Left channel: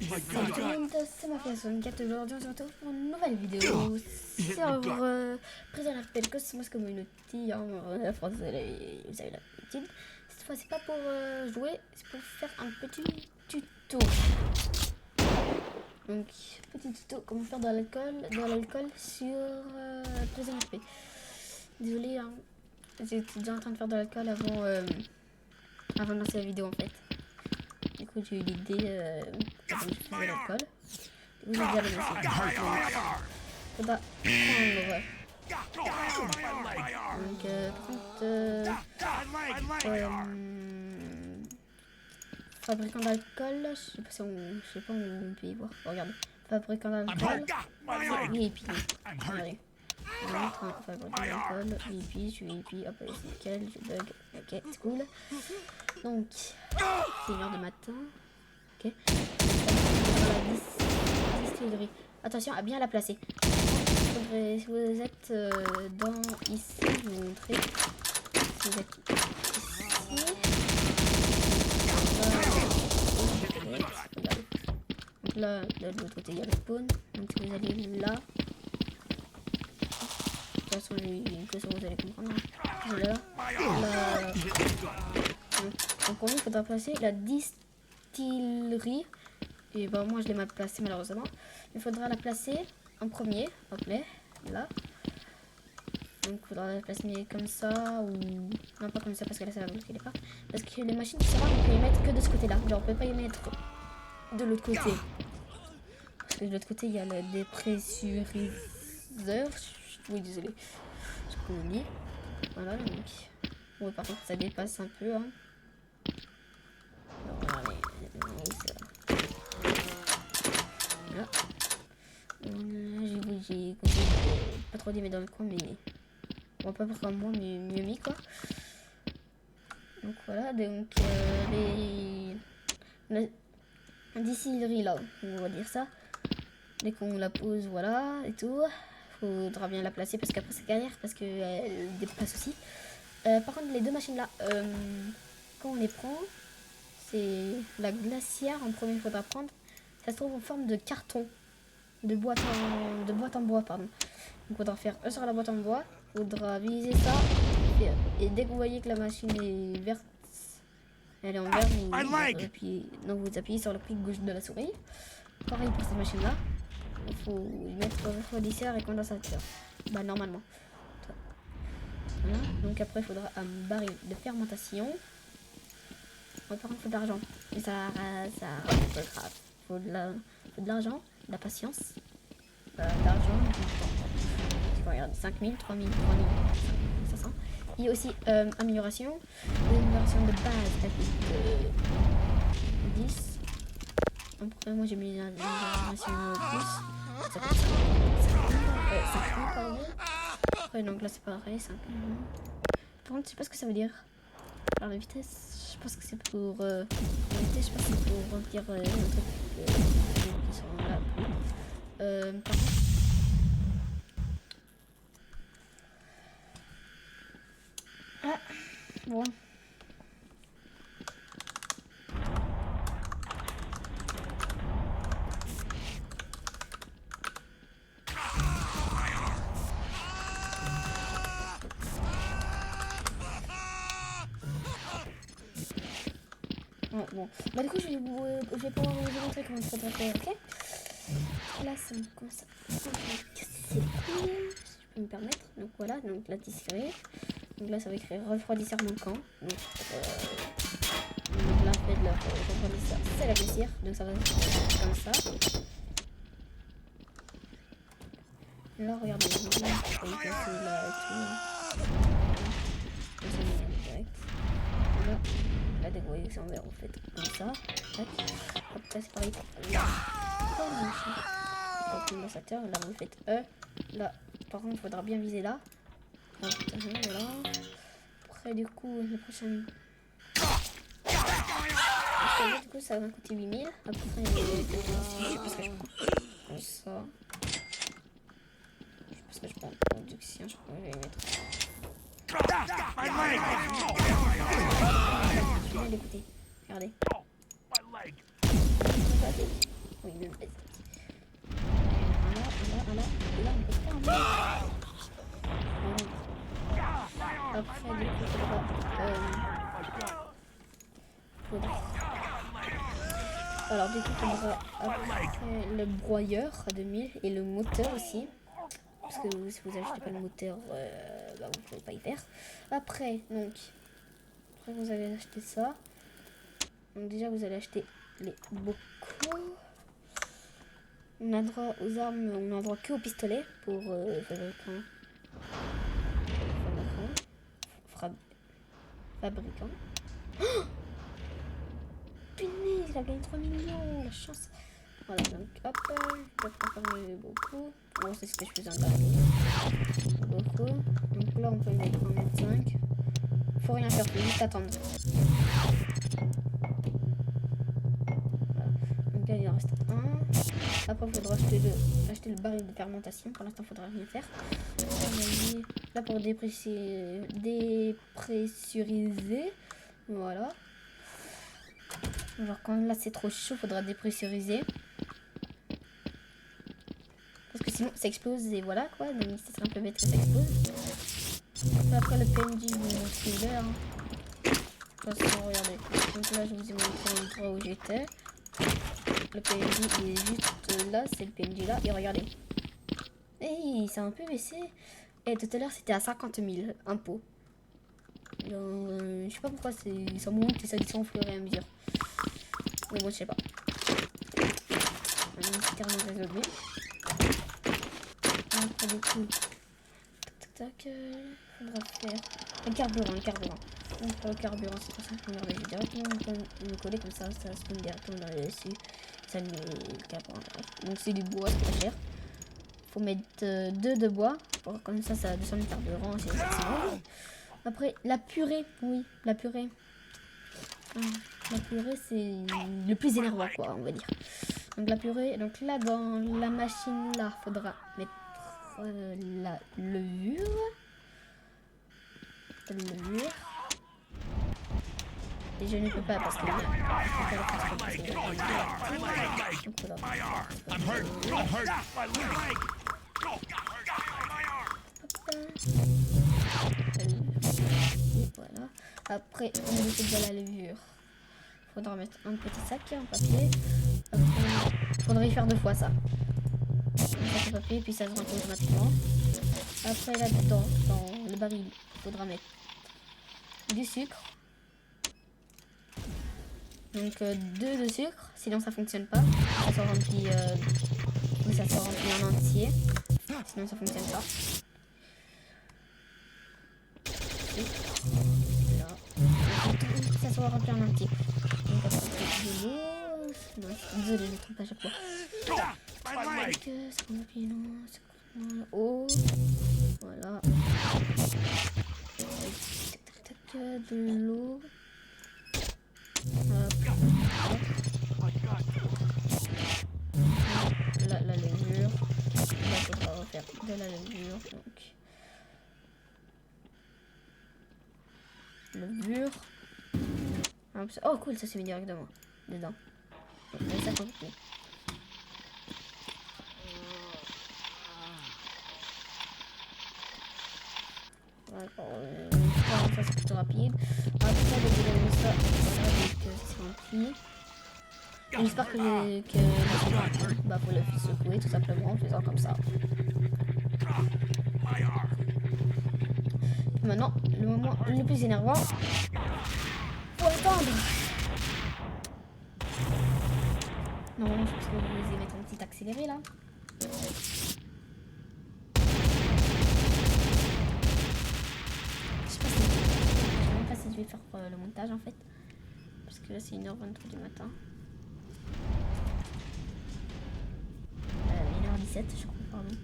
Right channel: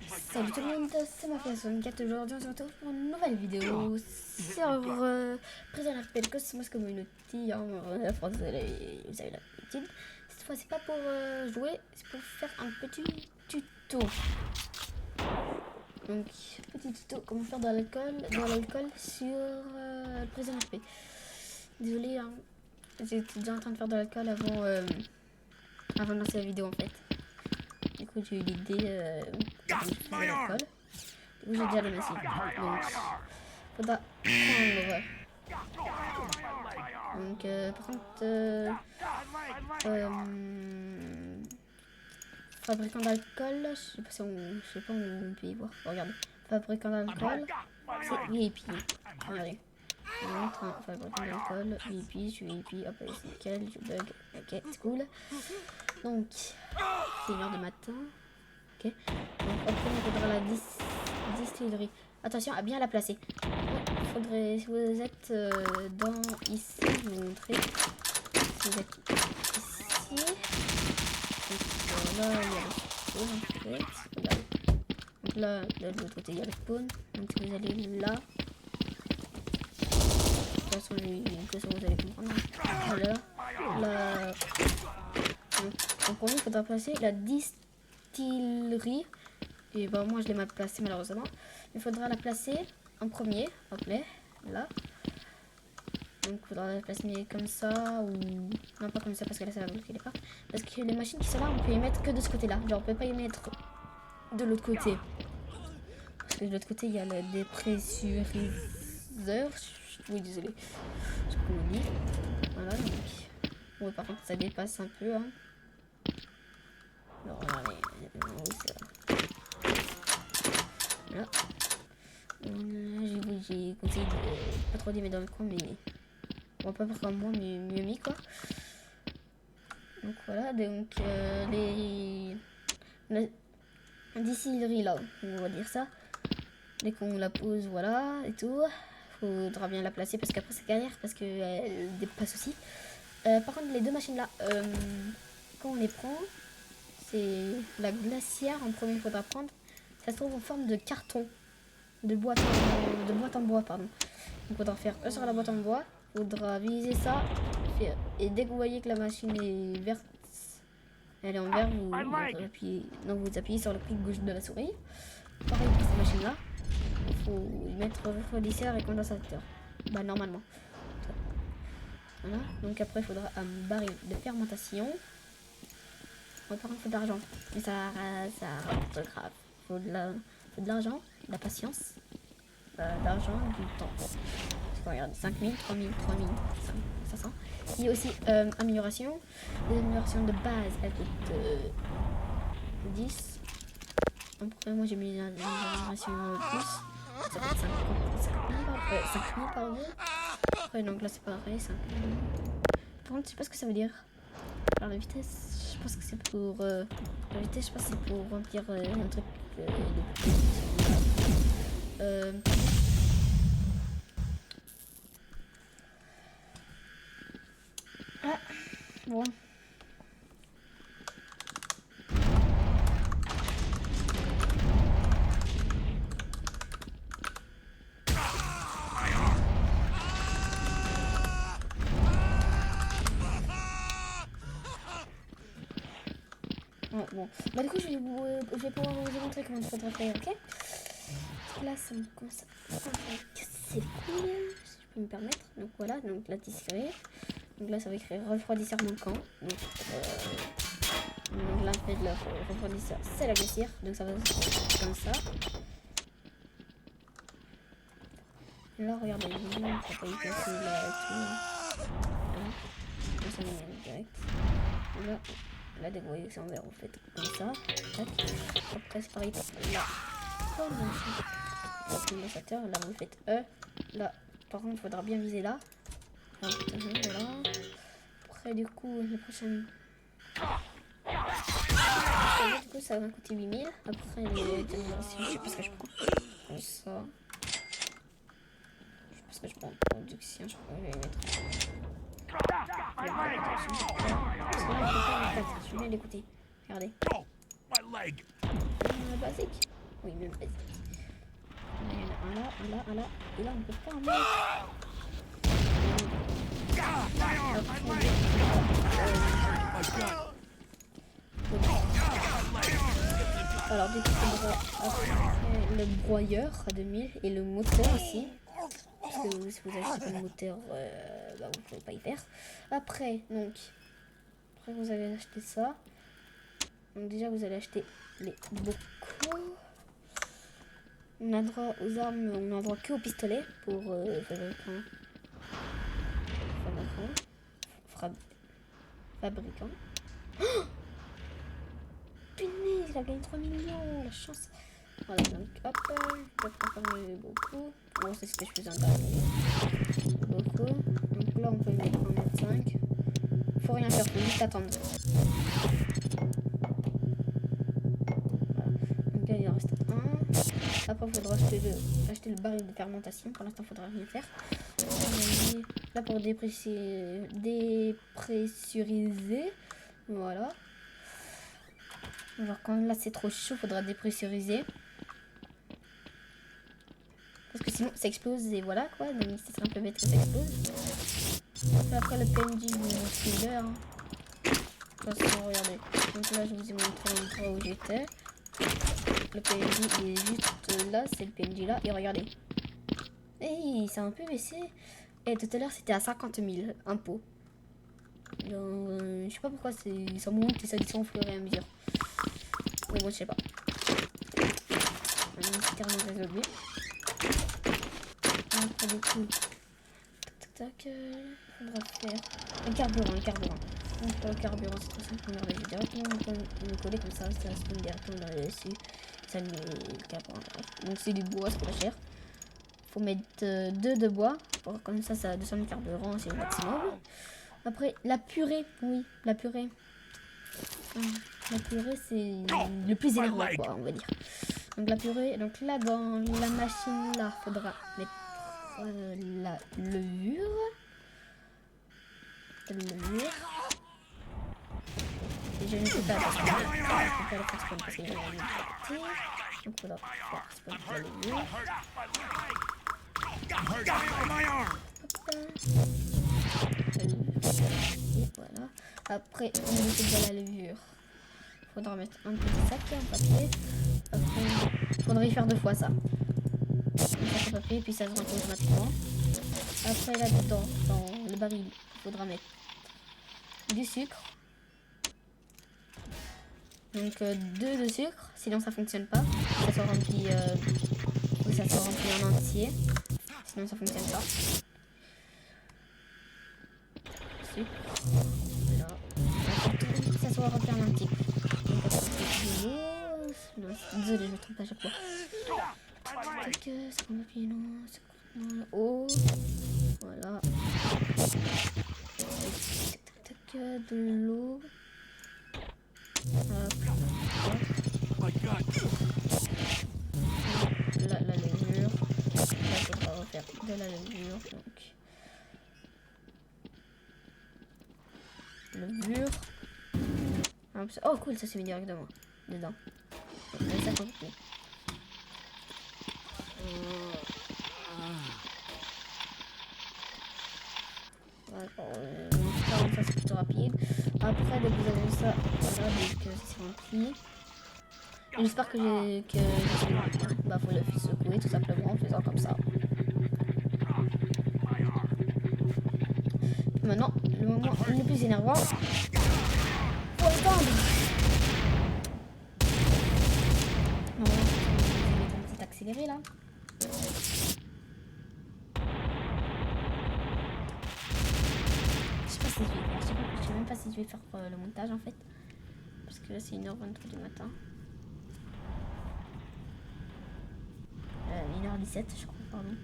Salut tout le monde, c'est ma personne 4 aujourd'hui, on se retrouve pour une nouvelle vidéo sur Prison RP Cosmos Community en français, vous avez l'habitude. Cette fois c'est pas pour jouer, c'est pour faire un petit tuto. Donc petit tuto comment faire de l'alcool sur Prison RP. Désolé, hein, j'étais déjà en train de faire de l'alcool avant de lancer la vidéo en fait. Du coup, j'ai eu l'idée de faire de l'alcool. Du coup, j'ai déjà le message. Donc, faudra prendre. Donc, par contre, fabricant d'alcool, je sais pas où on peut y voir. Regardez, fabricant d'alcool, c'est VIP. Regardez. Fabricant d'alcool, VIP, je suis VIP, hop, c'est nickel, je bug, ok, c'est cool. Donc, c'est 1h du matin. Ok. Donc en premier, il faudra la distillerie. Attention à bien la placer. Bon, faudrait, si vous êtes dans ici, je vais vous montrer. Si vous êtes ici, donc là, de l'autre côté, il y a le spawn. Donc si vous allez là, de toute façon, vous allez comprendre. Voilà. Là, en premier, il faudra placer la distillerie. Et bah moi je l'ai mal placé malheureusement. Il faudra la placer en premier. Hop là. Donc il faudra la placer comme ça ou... Non pas comme ça parce que là ça va bloquer les portes. Parce que les machines qui sont là on peut y mettre que de ce côté là. Genre on peut pas y mettre de l'autre côté. Parce que de l'autre côté il y a le dépressuriseur. Oui désolé. Je sais pas comment on dit. Voilà donc... Ouais par contre ça dépasse un peu hein. Alors regardez. Là. J'ai conseillé de pas trop les mettre dans le coin, mais bon, pas pour comme moi, mais mieux mis quoi. Donc voilà, donc la distillerie là, on va dire ça. Dès qu'on la pose, voilà, et tout, faudra bien la placer parce qu'après c'est galère parce qu'elle dépasse aussi. Par contre, les deux machines là, quand on les prend, c'est la glacière en premier, il faudra prendre. Ça se trouve en forme de carton. De boîte en bois, pardon. Donc il faudra faire un sur la boîte en bois. Il faudra viser ça. Et dès que vous voyez que la machine est verte, elle est en vert, vous appuyez sur le clic gauche de la souris. Pareil pour cette machine là. Il faut y mettre refroidisseur et condensateur. Bah normalement. Voilà. Donc après il faudra un baril de fermentation. Ouais, par contre il faut de l'argent. Mais ça grave. Il faut de l'argent, de la patience. D'argent, du temps. Regarde, 5000, 3000, 3000, 500. Il y a aussi amélioration. L'amélioration de base, elle coûte 10. Après, moi j'ai mis l'amélioration plus. Ça coûte 5000 pardon. Après, donc là c'est pareil, 5000. Par contre, je sais pas ce que ça veut dire. Alors, la vitesse, je pense que c'est pour. La vitesse, je pense que c'est pour remplir un truc de plus qui sont là. Par contre, ah, bon. Oh, bon. Bah du coup je vais pouvoir vous montrer comment il faudra faire, ok? Là ça me commence à casser les couilles, si je peux me permettre. Donc voilà, donc la tisserie. Donc là ça va écrire refroidisseur manquant. Donc là en fait le refroidisseur c'est la glacière. Donc ça va être comme ça. Là regardez, donc là on peut y passer là tout. Voilà. Là ça met direct. Là. Là, dès que vous voyez que c'est en vert, vous faites comme ça. Tac. Hop, ça c'est pareil. Là. Donc, condensateur. Là, vous faites E. Là, par contre, il faudra bien viser là. Là, voilà. Après, du coup, le prochain. Après, du coup, ça va coûter 8000. Après, je sais pas ce que je prends. Comme ça. Je sais pas ce que je prends. Production, je crois que je vais mettre. Parce que là, on peut pas en fait. Je viens d'écouter. Regardez. Basique. Oui, même vas-y. Il y en a un là, un là, un là. Et là, on peut pas en mettre. Voilà. Après, du coup, il faudra... voilà. Alors, du coup, il faudra après le broyeur à 2000 et le moteur aussi. Parce que si vous n'achetez pas le moteur, bah, vous ne pouvez pas y faire. Après, donc, après vous allez acheter ça. Donc déjà, vous allez acheter les bocaux. On a droit aux armes, on a droit que au pistolet pour fabricant. Fabricant. Oh, punaise, il a gagné 3 millions, la chance. Voilà, donc hop, je peux transformer beaucoup. Bon, c'est ce que je faisais en dernier. Beaucoup. Donc là, on peut y mettre 1,5 m. Faut rien faire, faut juste attendre. Voilà. Donc là, il en reste un. Après, il faudra acheter le baril de fermentation. Pour l'instant, il faudra rien faire. Là, pour dépressuriser. Voilà. Genre, quand là, c'est trop chaud, il faudra dépressuriser. Parce que sinon, ça explose et voilà quoi. Donc, ça serait un peu bête que ça explose. Et après, le PNJ, je vous montre l'heure. Hein. De toute façon, regardez. Donc là, je vous ai montré l'endroit où j'étais. Le PNJ il est juste là, c'est le PNJ là. Et regardez. Hey, ça a un peu baissé. Et tout à l'heure, c'était à 50 000 impôts. Je sais pas pourquoi ça monte et ça descend au fur et à mesure. Mais bon, je sais pas. Mystère non résolu. Après, du coup, tac, faudra faire le carburant, Donc pour le carburant, c'est très simple. Regardez, je vais directement me coller comme ça se met directement dessus. Ça met le carburant. Donc c'est du bois, c'est pas cher. Faut mettre 2 de bois. Comme ça descend le carburant, c'est le maximum. Après, la purée, oui, la purée. La purée, c'est le plus énervant, quoi, on va dire. Donc la purée, donc là, dans la machine, là, faudra mettre la levure. Et je ne peux pas parce qu'il y a... Je peux pas le faire parce qu'il y a une liberté. Donc faudra faire la levure. Et voilà. Après, on met de la levure. Faudra mettre un petit sac en papier. Après, il faudrait y faire 2 fois ça. Un sac en papier, puis ça se remplit automatiquement. Après, là-dedans, dans le baril, il faudra mettre du sucre. Donc 2 de sucre, sinon ça fonctionne pas. Ça se remplit, ça se remplit en entier. Sinon ça fonctionne pas. Sucre. Là. Ça soit rempli en entier. Donc après on fait de l'eau. Non, désolé, je me trompe à chaque fois. Ça remplit l'eau. Voilà. De l'eau. Hop, hop. La levure. Là, il faudra refaire de la levure. Donc, levure. Oh, cool, ça s'est mis directement dedans. Donc, ça compliqué. Ça c'est plutôt rapide. Après, dès que vous avez ça, voilà, dès que c'est rempli. J'espère que j'ai bien. Bah, faut le secouer tout simplement en faisant comme ça. Puis maintenant, le moment le plus énervant. Faut attendre. Normalement, parce que vous allez mettre un petit accéléré là. Je sais pas si je vais faire. Je sais même pas si je vais faire le montage en fait. Parce que là, c'est 1h23 du matin. 1h17, je crois, pardon.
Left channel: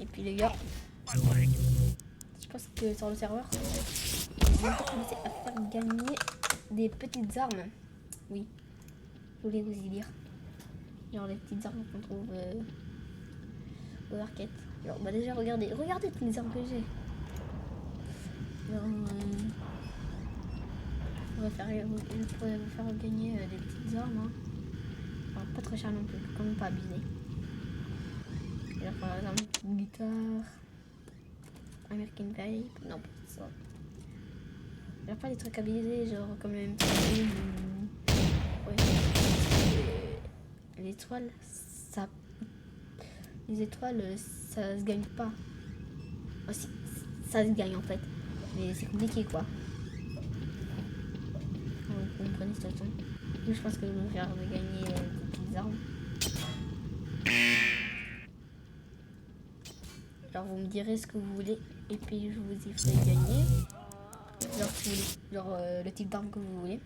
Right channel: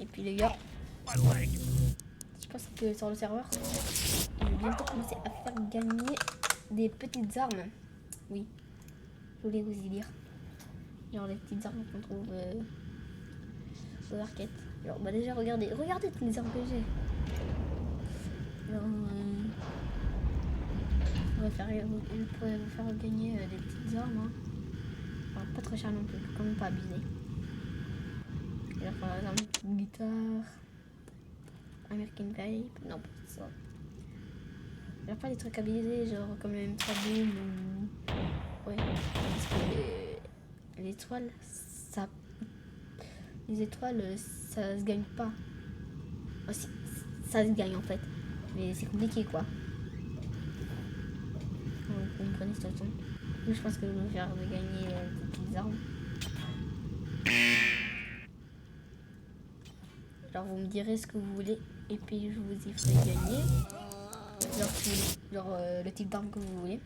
Et puis les gars, je pense que sur le serveur, ils vont bientôt commencer à faire gagner des petites armes. Oui, je voulais vous y dire. Genre les petites armes qu'on trouve aux arcades. Alors bah déjà regardez toutes les armes que j'ai. Genre, pourrais vous faire gagner des petites armes. Hein. Enfin, pas trop cher non plus, quand même pas abusé. Alors, par exemple, une guitare, American Pipe, non, pas ça. Il pas des trucs abusés, genre comme le M3 ou. Ouais, parce que l'étoile, ça. Les étoiles, ça se gagne pas. Oh, si, ça se gagne en fait, mais c'est compliqué quoi. Vous comprenez cette façon. Donc je pense que je vais faire gagner des petites armes. Alors vous me direz ce que vous voulez et puis je vous y ferai gagner. Genre, si vous voulez, genre le type d'arme que vous voulez.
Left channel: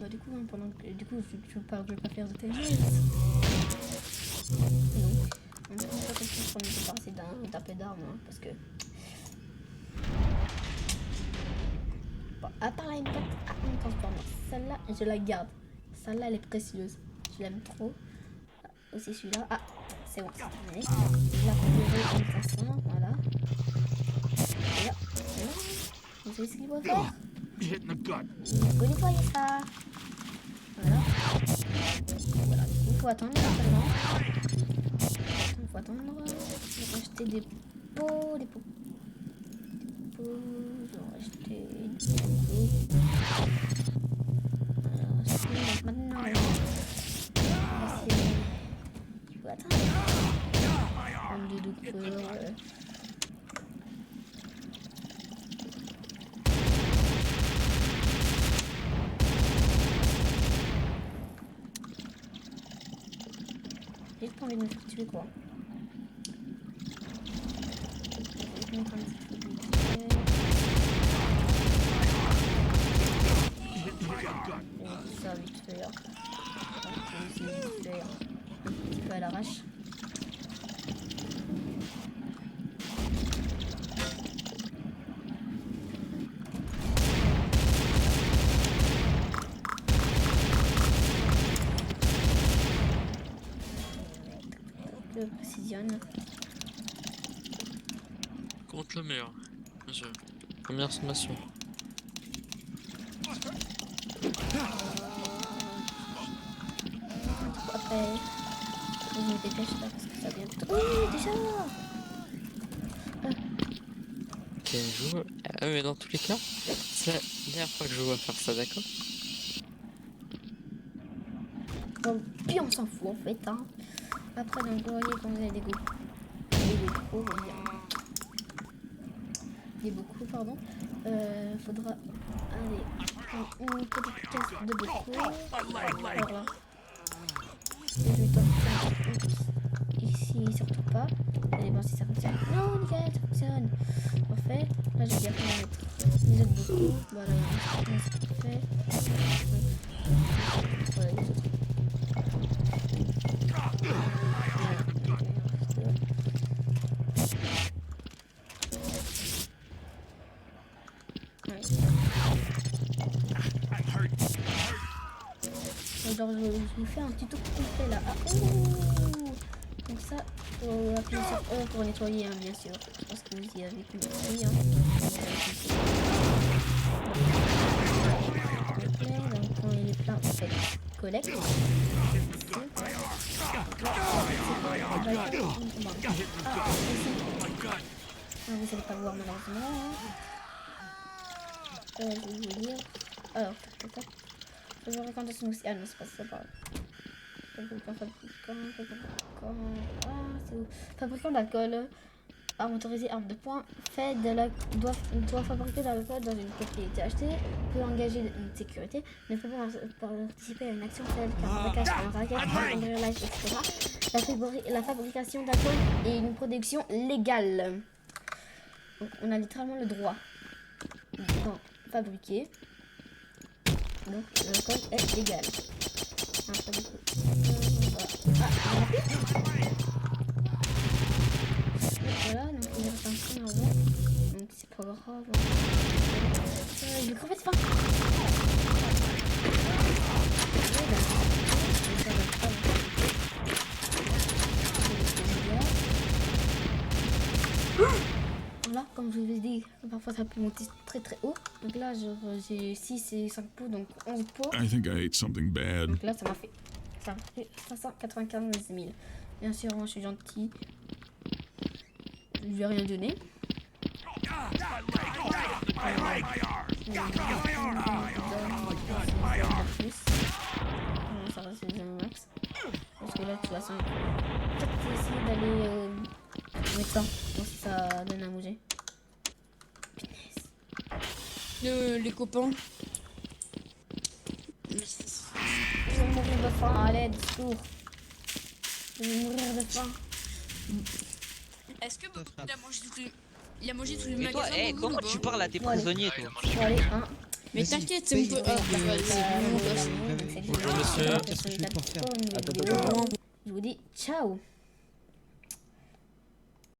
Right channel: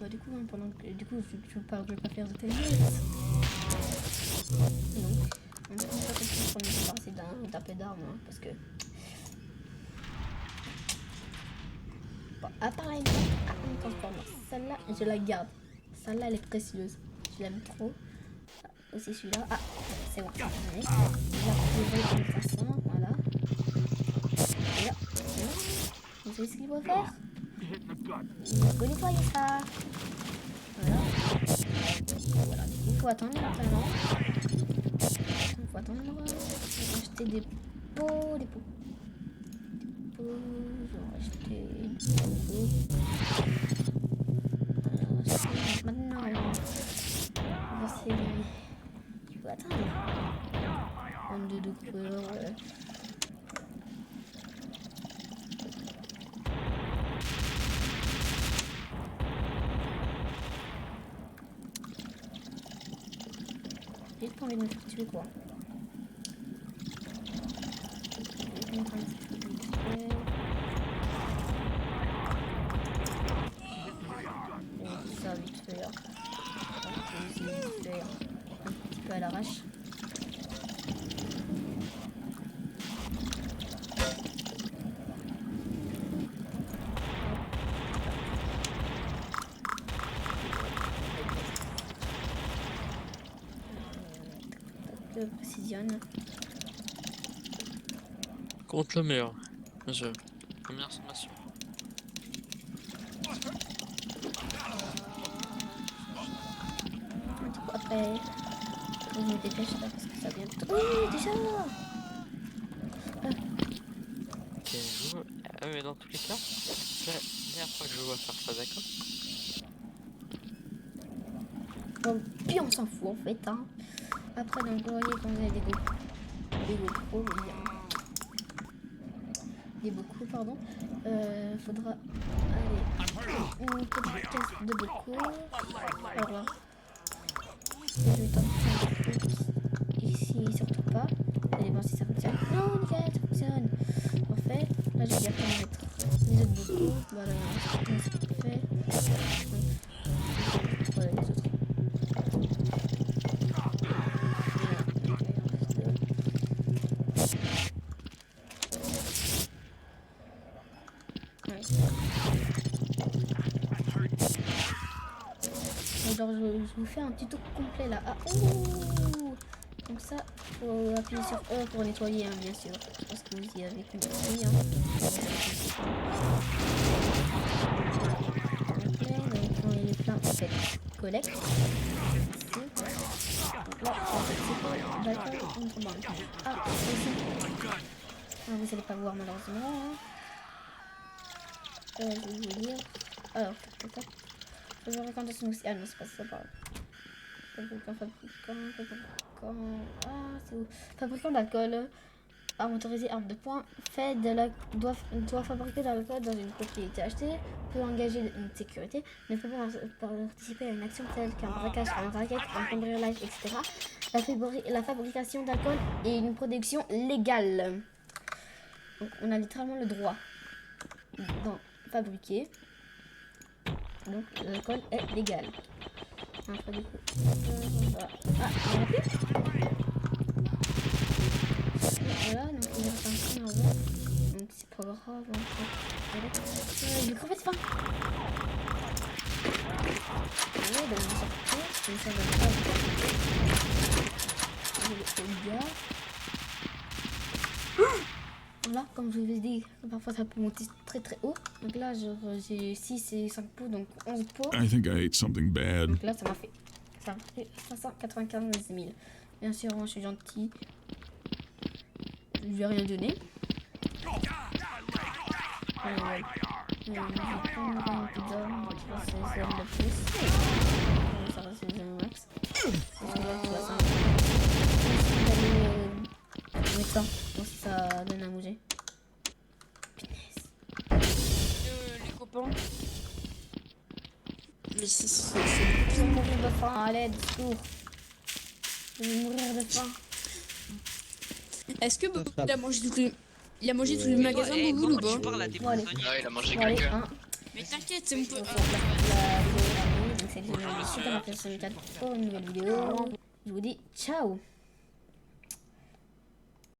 Bah, du coup, hein, pendant que je parle, je vais pas faire de télé. Non. On ne peut pas continuer pour nous passer d'un peu d'armes hein, parce que. Bon, à part la impact à un transformer, celle-là je la garde. Celle-là elle est précieuse. Je l'aime trop. Aussi celui-là. Ah, c'est bon, c'est terminé. La couleur est 1500, voilà. Et là, vous savez ce qu'il faut faire? Il faut nettoyer ça. Voilà. Voilà, du coup, il faut attendre maintenant. Faut attendre. J'ai acheté des pots, des pots. J'en ai acheté beaucoup. Alors, maintenant, on va essayer. Il faut attendre. 22 de couleur, ouais. J'ai pas envie de me faire tuer quoi. Je vais mettre un petit peu vite fait. Et ça vite fait. Vite fait. Un petit peu à l'arrache. Précisionne. Contre le mur. Bien sûr. Première sommation. Après, je me dépêche là parce que ça vient de... Oui, déjà Ok, je joue. Ah, mais dans tous les cas, c'est la dernière fois que je joue à faire ça, d'accord? Bon, puis on s'en fout en fait. Hein. Après, donc, vous voyez quand vous avez des go pro, des beaucoup, pardon. Faudra aller une petite caisse de beaucoup. Alors là, je vais tenter ici, surtout pas. Ça dépend si ça fonctionne. Non, nickel, ça fonctionne. Parfait. Là, je vais bien faire mettre les autres beaucoup. Voilà, on se fait. Oui. Voilà, les autres. Voilà, donc là, il en reste deux. Ouais. Alors je vous fais un tuto complet là. Ah, ouh. Donc ça, faut appuyer sur E pour nettoyer, hein, bien sûr. Je pense que vous y avez compris. Hein. Donc quand il est plein, en fait, collecte. Donc là, c'est pas une banque. Ah, ici. Ah, vous allez pas voir malheureusement. Hein. Je vais vous dire. Alors, peut-être. Fabricant de smoothie. Ah non, c'est pas ça, pardon. Fabricant. Ah, c'est où? Fabricant d'alcool. Arme autorisée, arme de poing. Doit fabriquer de l'alcool dans une propriété achetée. Peut engager une sécurité. Ne peut pas participer à une action telle qu'un braquage, un racket, un cambriolage, etc. La fabrication d'alcool est une production légale. Donc, on a littéralement le droit d'en fabriquer. Donc l'alcool est légal. Après du coup, voilà. Ah, il y en a plus. Et voilà, donc il reste un train avant. Donc c'est pas grave. Je vais crever de faim. Allez, ben je vais sortir. Ça va pas vous faire. Je vais le gars. Voilà. comme je vous ai dit, parfois ça peut monter très très haut. Donc là, genre, j'ai 6 et 5 pots, donc 11 pots. I think I ate something bad. Donc là, ça m'a fait 595 000. Bien sûr, moi je suis gentil. Je lui ai rien donné. Je vais prendre un peu d'hommes. C'est les hommes de plus. Ça reste les hommes max. Parce que là, de toute façon, peut-être que je vais essayer d'aller au médecin. Voir si ça donne à manger. Punaise. Les copains. Mais c'est... Je vais mourir de faim. À l'aide, secours. Je vais mourir de faim. Est-ce que il a mangé tous les... Il a mangé tous les magasins Eh, de comment Google ou tu pas? parles à tes Bon, allez. prisonniers, Ah, il a toi mangé Bon, allez, quelqu'un. 1. Mais t'inquiète, c'est mon peu... La vidéo est terminée. Donc, salut, Bonjour, c'était monsieur. la personne pour une nouvelle vidéo. Je vous dis ciao.